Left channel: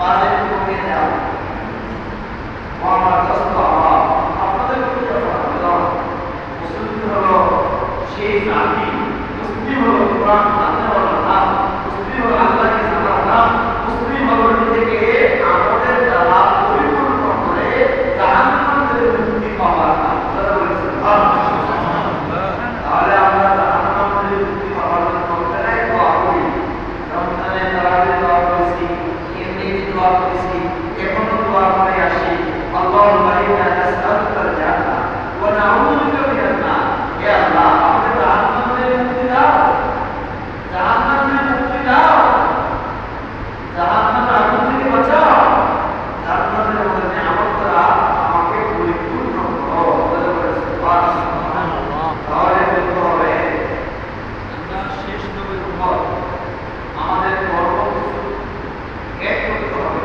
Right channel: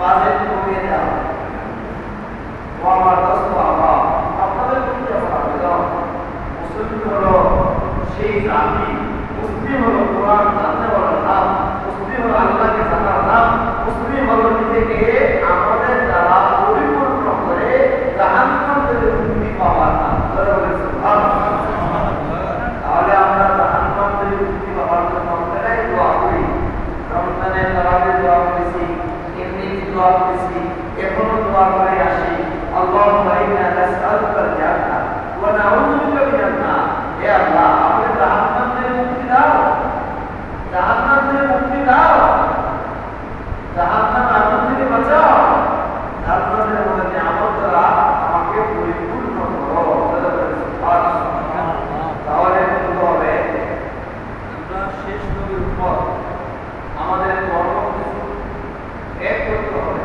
Budget কমিয়ে দেওয়া হয়। আমার দোস্ত আমার আপনাদের প্রতি আবেদন, মুসলিম হলো সেই জাতি, মুসলিম হলো কোরআন জানতে হলো নাম, মুসলিম হলো আল্লাহকে জানার নাম, মুসলিম হলো নিজেকে আমাদের দ্বারা পরিপূর্ণ করে জাহান্নাম থেকে মুক্তি পাওয়ার নাম। তাহলে আমরা জাহান্নাম থেকে মুক্তি পাওয়ার জন্য রমজানে দোয়া করি, রমজানে তারাবির দোয়া করেছি, এমনি দোয়া করেছি, এখনো দোয়া করে আসি। আল্লাহুম্মা ইন্না নাসআলুকাল জান্নাহ ওয়া নাউযু বিকা মিনান নার। হে আল্লাহ, আমাদের জাহান্নাম থেকে মুক্তি দাও, জাহান্নাম থেকে মুক্তি দাও, জাহান্নামের আগুন থেকে বাঁচাও, জান্নাতের মধ্যে আমার দ্বারা আমাকে পরিপূর্ণ করো। তাহলে বলতে হবে আমরা শেষ নবীর উপর আমাদের কর্মসূচি এক করতে হবে।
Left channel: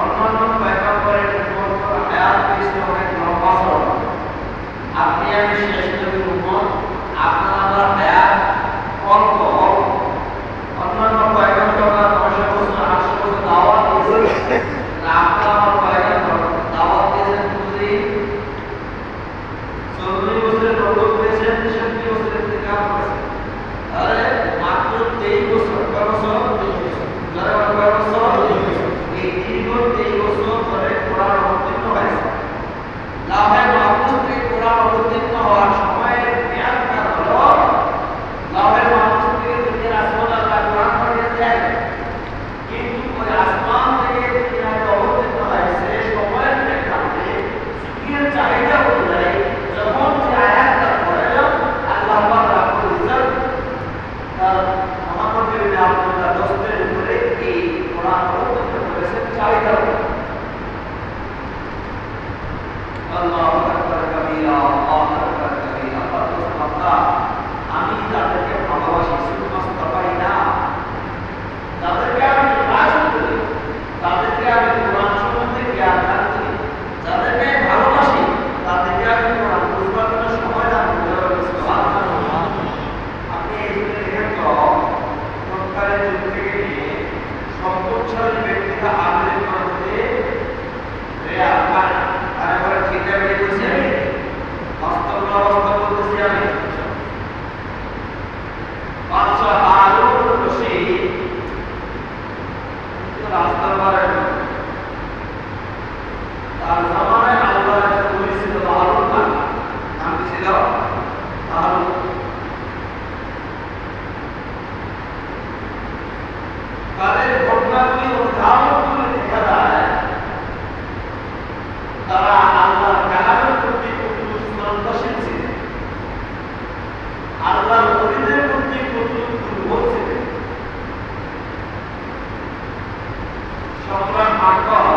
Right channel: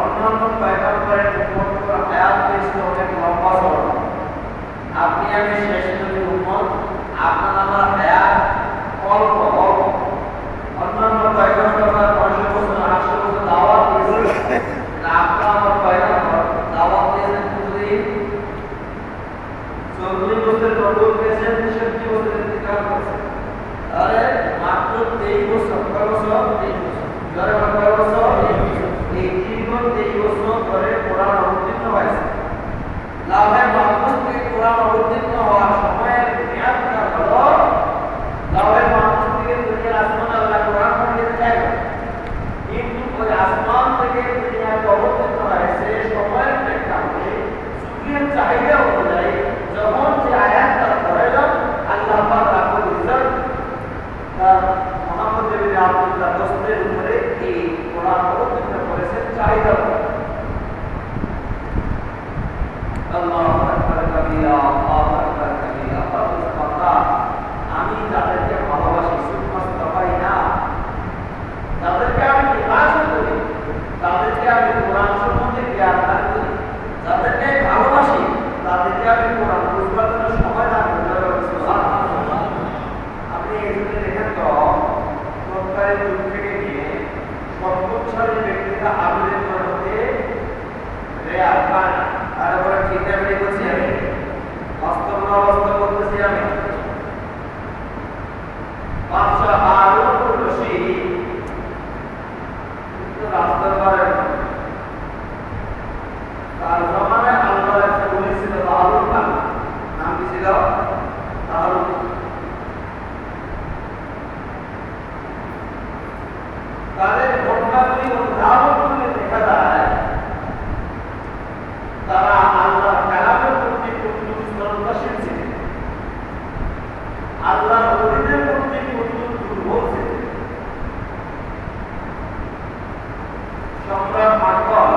অন্যান্য পয়গম্বরের উম্মতের হায়াত পেয়েছিল অনেক লম্বা সময়। আপনি আমি শেষ নবীর উম্মত, আপনার আমার হায়াত অল্প অল্প। অন্যান্য পয়গম্বররা 900 বছর 800 বছর দাওয়াত দিয়েছে, আপনার আমার পয়গম্বর দাওয়াত দিয়েছেন প্রতিদিন 40 বছরের নবুয়ত পেয়েছেন, 63 বছরের ইন্তেকাল করেছেন। আরে মাত্র 23 বছর, কয় বছর? 23 বছর। যারা কয় বছর? 23 বছর ধরে কোরআন অবতীর্ণ হয়েছে। লাহে মাহফুজ থেকে কোরআন অবতীর্ণ হওয়ার সময়ের মেয়াদটা হলো লাহে মাহফুজ থেকে যদি আসমান আল্লাহ কোরআন পাঠিয়েছেন, কিন্তু ওই আসমান থেকে যে আয়াত অবতীর্ণ হয়েছে সময়ের প্রেক্ষাপটে যুগের চাহিদা অনুযায়ী যখন যে আয়াতটা প্রয়োজন আল্লাহ পাক রাব্বুল ইজ্জত তার মুহাম্মদের আব্দুল্লাহ দোস্তের উপরে এই কোরআন অবতীর্ণ করেছেন চাহিদা অনুযায়ী। আল্লাহু আকবার কাবীরা, আল্লাহু আকবার কাবীরা। আল্লাহ, আমি যাদেরকে ভালোবাসি শুধু মাস্তাবাই না, যাদেরকে আমি নির্বাচন করি, তাদেরকে আমি কোরআন সম্বন্ধে জ্ঞান দান করি, যাদেরকে ভালোবাসি তাদেরকে আমি কোরআন বুঝবার জন্য সময় দান করি। আপনি এই জন্য দেখেন তো সরকারের যুগ থেকে নিয়ে সর্বোচ্চের ব্যক্তিরা আবেদন করতে রেয়ার পায়। আরে বলে ঠিক না বেরিয়ে করছি আমি, বাস্তব না অবস্থা বলতেছি আমি। বাদশাহ হারুন রশিদ রাজদরবারে তার জামানায় আল্লাহর এক ওলি ছিল তাহারুন খান। নাম কি ছিল? তাহারুন। তাদের ঘটনাগুলি উদাহরণ করে দেখা যায় তারা আল্লাহর কালামের প্রতি কতটুকু শ্রদ্ধাশীল ছিলেন, আল্লাহর ওলিদের প্রতি কতটুকু দুর্বল ছিলেন। সম্রাট আকবর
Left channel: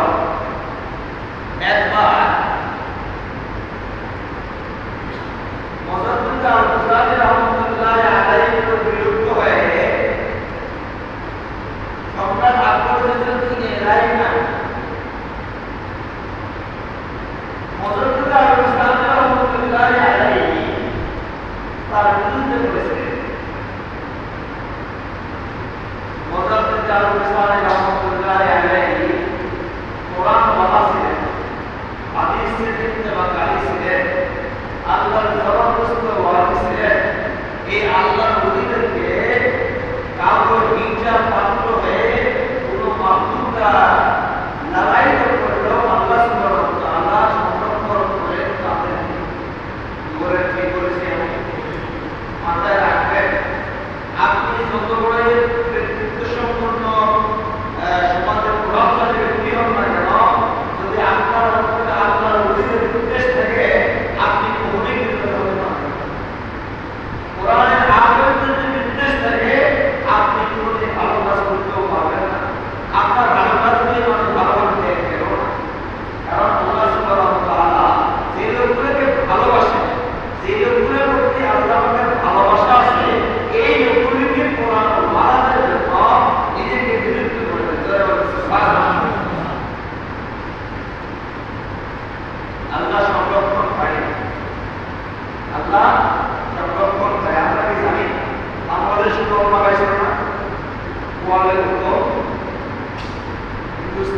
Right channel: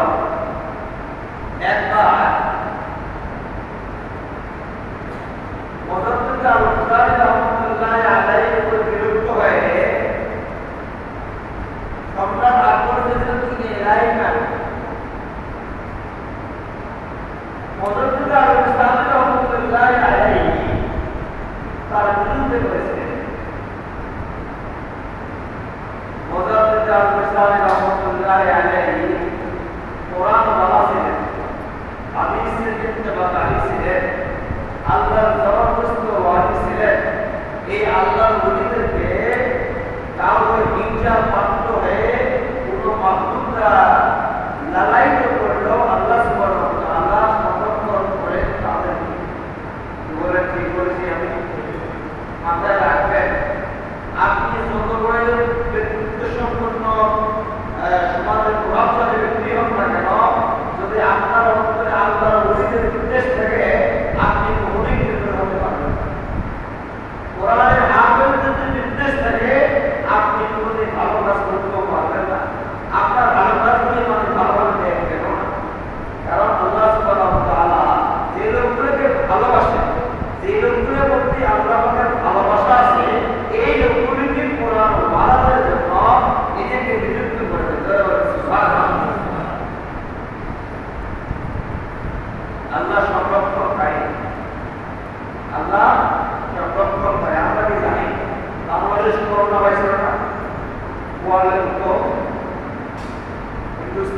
একবার মুজাদ্দিদ আল-বুখারী রাহমাতুল্লাহি আলাইহির উপর বিরক্ত হয়ে সম্রাট আকবর ছিলেন তিনি এলাহি না, মুজাদ্দিদ আল-বুখারী রাহমাতুল্লাহি আলাইহি তার বিরুদ্ধে করেছিলেন। মুজাদ্দিদ আল-বুখারী রাহমাতুল্লাহি আলাইহি কোরআন ওয়ালা ছিলেন, হাদিস ইত্তেবাকারী ছিলেন, আল্লাহর জবরদস্ত ওয়ালি ছিলেন। এই আল্লাহর ওলিদেরকে কাউকে হিংসার পাত্র হয়ে কোনো মাহবুবরা লালায়িত করলেও আল্লাহ সুবহানাহু ওয়া তাআলা সংরক্ষণ করে তাদেরকে বলে ঠিক করেছি আমি। মাথায় রাখবেন, আপনি যত বড় ব্যক্তিত্ব সম্পন্ন সমাজের প্রভাবশালী ব্যক্তি হন না কেন, যদি আপনার অন্তরে আল্লাহর ওলিদের নির্দেশ থেকে আপনি কখনোই কৃতজ্ঞ হতে পারবেন। কোরআনের আয়াতের নির্দেশ থেকে আপনি কোনোদিন ভালো কাজ করতেও পারবেন না। আপনার ভালো কাজ দিয়ে মানুষ ভালোভাবে দেখবেন না।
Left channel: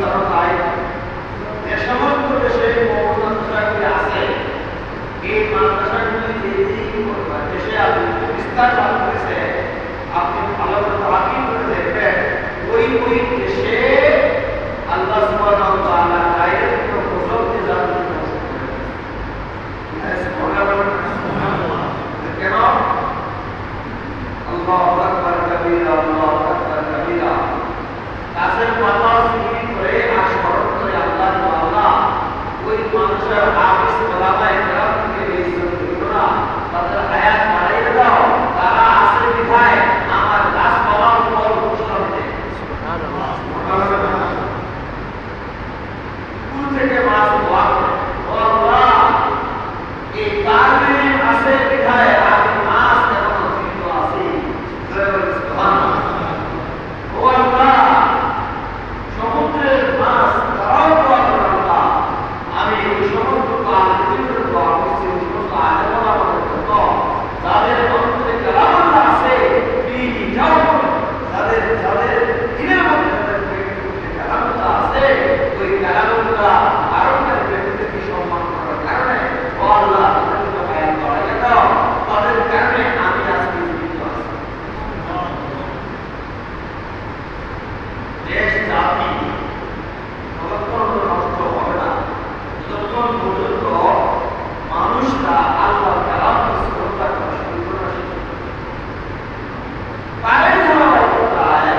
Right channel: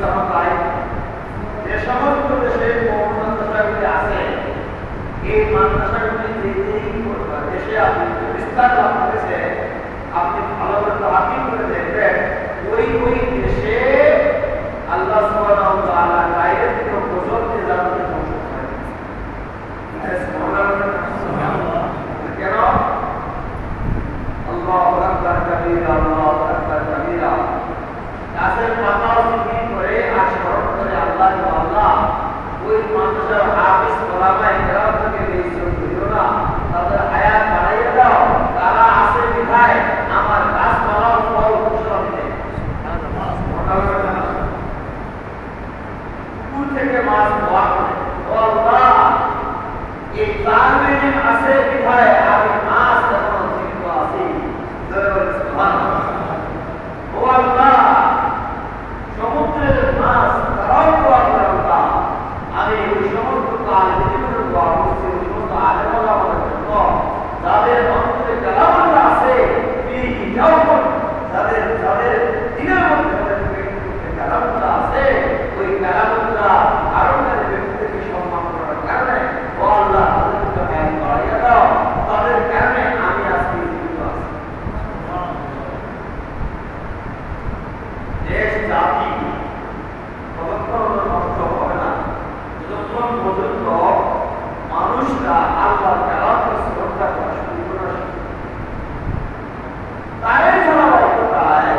স্থানতায় যে সমস্ত দেশে মাদ্রাসাগুলি আছে, এই মাদ্রাসাগুলি দেশে আপনি বিস্তার লাভ করেছে, আপনি ভালোভাবে তাকিদ করে দেখবেন ওই দেশে আল্লাহ সুবহানাহু ওয়া তাআলা গায়ের কোনো গজব দিয়ে জান্নাতে পৌঁছে সুবহানাল্লাহ। কেন? আল্লাহু আকবার কাবীরা, আল্লাহু আকবার কাবীরা। কাছের কথা জিকির করে আর স্মরণ করে আল্লাহ ওই মানুষের হাফিজ ওলামায়ে কেরাম থেকে বেইজ্জত করিও না, তাদের হায়াত বাড়াইয়ে দাও। তারা আসে দেখায় আমার গাছপালার ফল ফসল দেয়। সুবহানাল্লাহ। পুকুর থেকে মাছ ধোয়া করে, ও আল্লাহ এই তালবিন আসে দেখায় আমি মাছ এমন জীবিত আছি। সুবহানাল্লাহ। ও আল্লাহ সমুদ্রের মাছ তারাও দোয়া করে আল্লাহ, আমি ওই সমস্ত আলেমদের দোয়া করছি, ওই সমস্ত আলেমরা আমাদের জন্য যাদের অন্তরে কালামুল্লাহ আছে, যাদের দিনের মধ্যে তাদের ব্যক্তিত্বে কালামুল্লাহ আছে, ওই কালামুল্লাহ আরবের ব্যক্তিত্বকে সম্মান করার কারণে ও আল্লাহ তাদের জন্য হায়াত বাড়াইয়া দাও, তাদের কারণে আমি আজকে জীবিত আছি। দেশ জাতি ততক্ষণ নষ্ট হবে না যতক্ষণ পর্যন্ত মানুষরা আল্লাহ কালামকে শ্রদ্ধা করা শুরু করে। তাই ধারাবাহিকতায়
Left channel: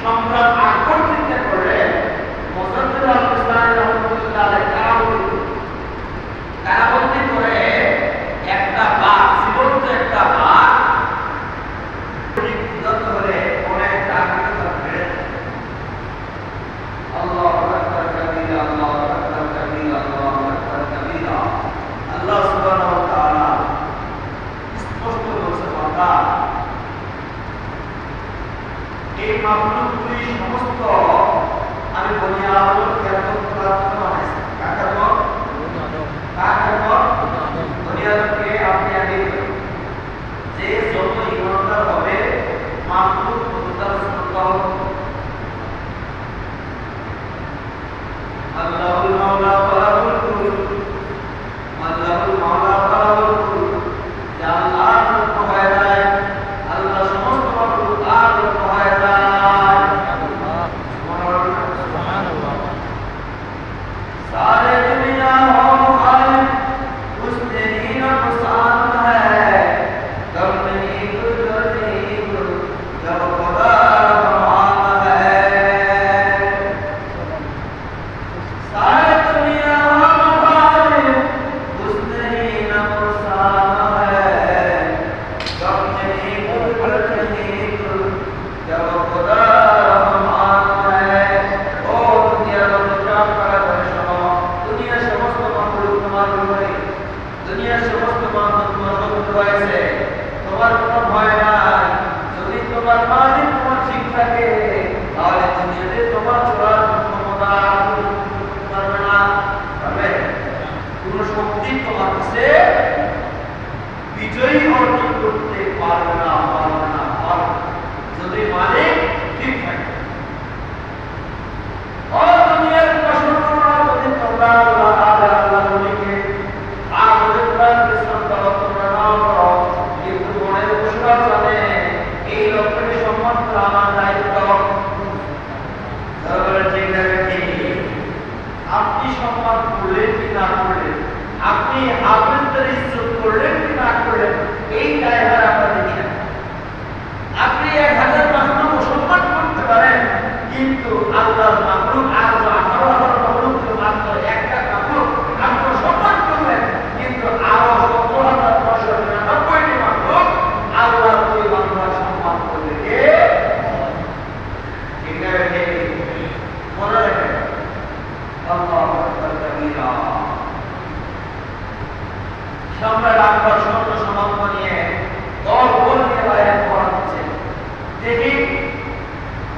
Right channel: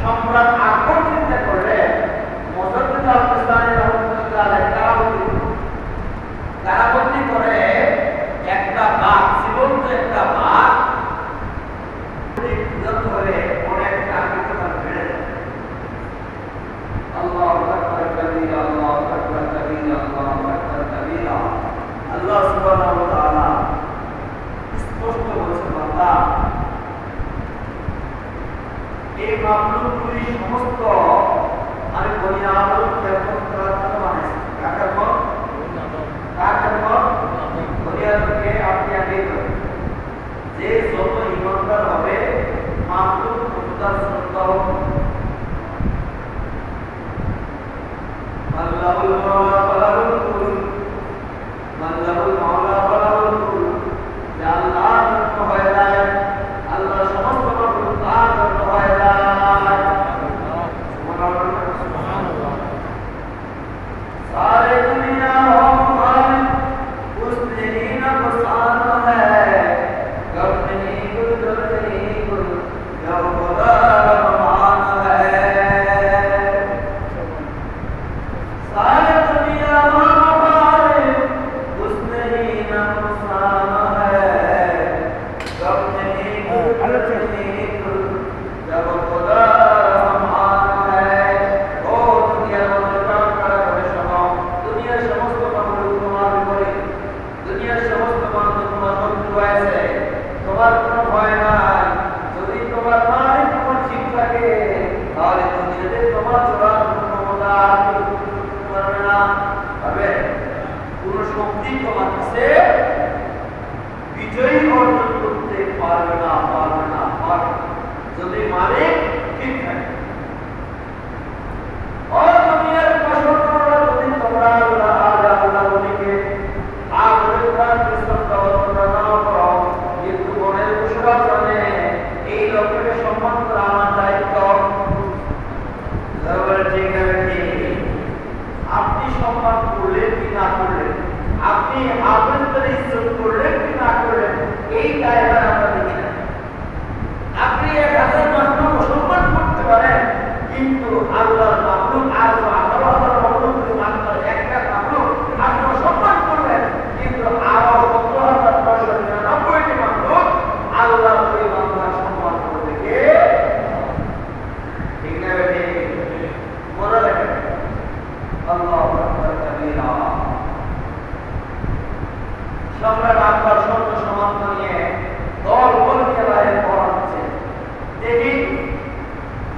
সম্রাট আকবর চিন্তা করলেন মুজাদ্দিদ আল-বুস্তামি রাহমাতুল্লাহ আলাইহি কারাবন্দী করে একটা বাঘ, জীবন্ত একটা বাঘ ধরে অনেক কাঠবিড়াল ধরে আল্লাহু আকবার কাবীরা, আল্লাহু আকবার কাবীরা, আল্লাহু আকবার কাবীরা। আল্লাহ সুবহানাহু ওয়া তাআলা স্পষ্ট বলেছেন, বান্দা এই মাখলুকগুলি সমস্ত আমি বনি আদমকে এরকম করার জন্য বানাইছি। কার মত? বনি আদমকে আপনি আগে যে যত ইমানদার হবে মাখলুক ততটার শ্রদ্ধা হবে। আল্লাহুল মাওলা ফালাহুল কুল, আল্লাহুল মাওলা ফালাহুল কুল। যে আল্লাহর জন্য হয়ে যায়, আল্লাহ সমস্ত মাখলুক তার জন্য হয়ে যায়। সুবহানাল্লাহ। सारे दुनिया हो खालिक उसने ही नुकसान है, गम नहीं गुल नहीं गुल जब खुदा रहमान है। सारे दुनिया हो खालिक उसने ही नुकसान है, गम नहीं गुल नहीं गुल जब खुदा रहमान है। ओ दुनिया मुस्कान कर দুনিয়ার সমস্ত মানুষ তোমার উপরে, দুনিয়ার সমস্ত মানুষ তোমার বন্ধু রয়েছে, তোমার কোনো ভয় নাই। যদি তোমার মালিক তোমার ঠিক থাকে তাহলে দুনিয়াতে তোমার চলার ক্ষমতা পারবে না, পারবে কোন শক্তি তোমার কাছে বিজয়ী অর্জন করতে পারবে না, পারবে না, পারবে যদি মালিক ঠিক থাকে। ও দুনিয়ার কষ্টরা যদি তোমরা আল্লাহ বলিকে আমাদের প্রাণকে শ্রদ্ধা তোমরা না করো, কিন্তু মনের পুরস্কার জানে এই লোককে সম্মান করা আমার দায়িত্ব। তারপরে ঠিক আছে, আপনি সম্মান করলেন কি না করলেন, আপনি হাফেজদের ইজ্জত করলেন কি না করলেন, এই দায়ভার আমরা দেখি না। আপনি 1000 মাখলুক সম্মান করতে পারেন, কিন্তু আল্লাহর মাখলুক আর 18,000 মাখলুকের মাত্র একটা মাখলুক আপনি সম্মান করবেন, কিন্তু আরো 17,999টি মাখলুক আল্লাহর ওই বান্দার সম্মান করবে কে? ঠিক না? মনে রাখেন, আল্লাহু আকবার কাবীরা। সম্রাট আকবর সৈন্য সামন্ত নিয়ে দল নিয়ে বাইরে পড়াচ্ছে। দেখি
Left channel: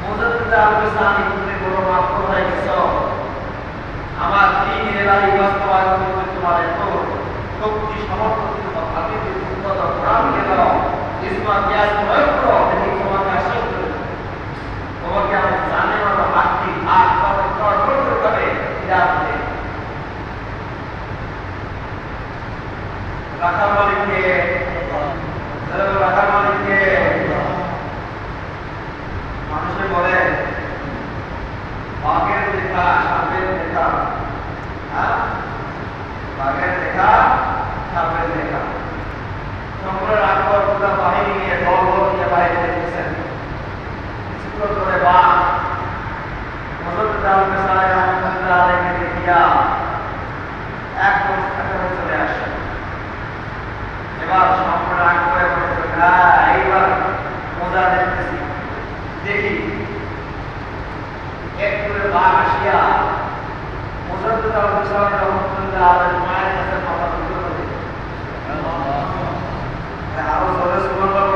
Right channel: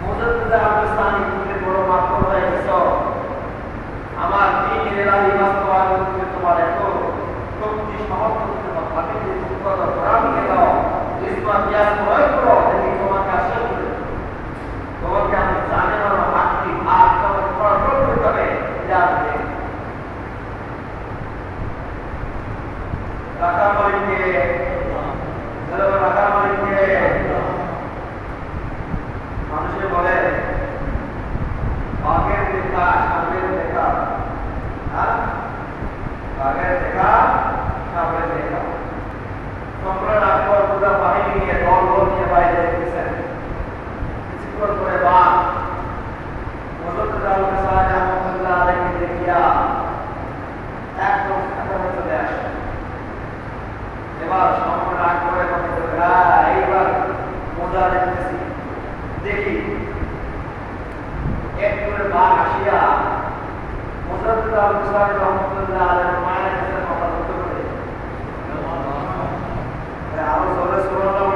মুজাদ্দিদ আল-বুস্তামি, তুমি বড় মাফরুম হয়ে গেছো, আমার দ্বীনের রায় বাস্তবায়ন করতে তোমার এত শক্তি সামর্থ্য, তোমার হাতে যে মুক্ততা কোরআন নিয়ে দাও, ইসলাম জ্ঞান প্রয়োগ করো, দেখি তোমাকে আশ্বাস করি, তোমাকে আমি জানে হাতটি হাত দল নিয়ে বাইরে দেখতেছেন। কিছুক্ষণ করে বাঘ হযরত আবু সাহেব রহমাতুল্লাহ আলাইহি দেখিয়া একদম কাছাকাছি চলে আসে। এবার সামনে রাগ করে মনে করে এইবার মজা দেখতেছি, দেখি এক করে বাঘ আসিয়া হযরত আবু সাহেব রহমাতুল্লাহ আলাইহি মায়ের কাছে মাথা তুলে করে আরো জোরে সুবহানাল্লাহ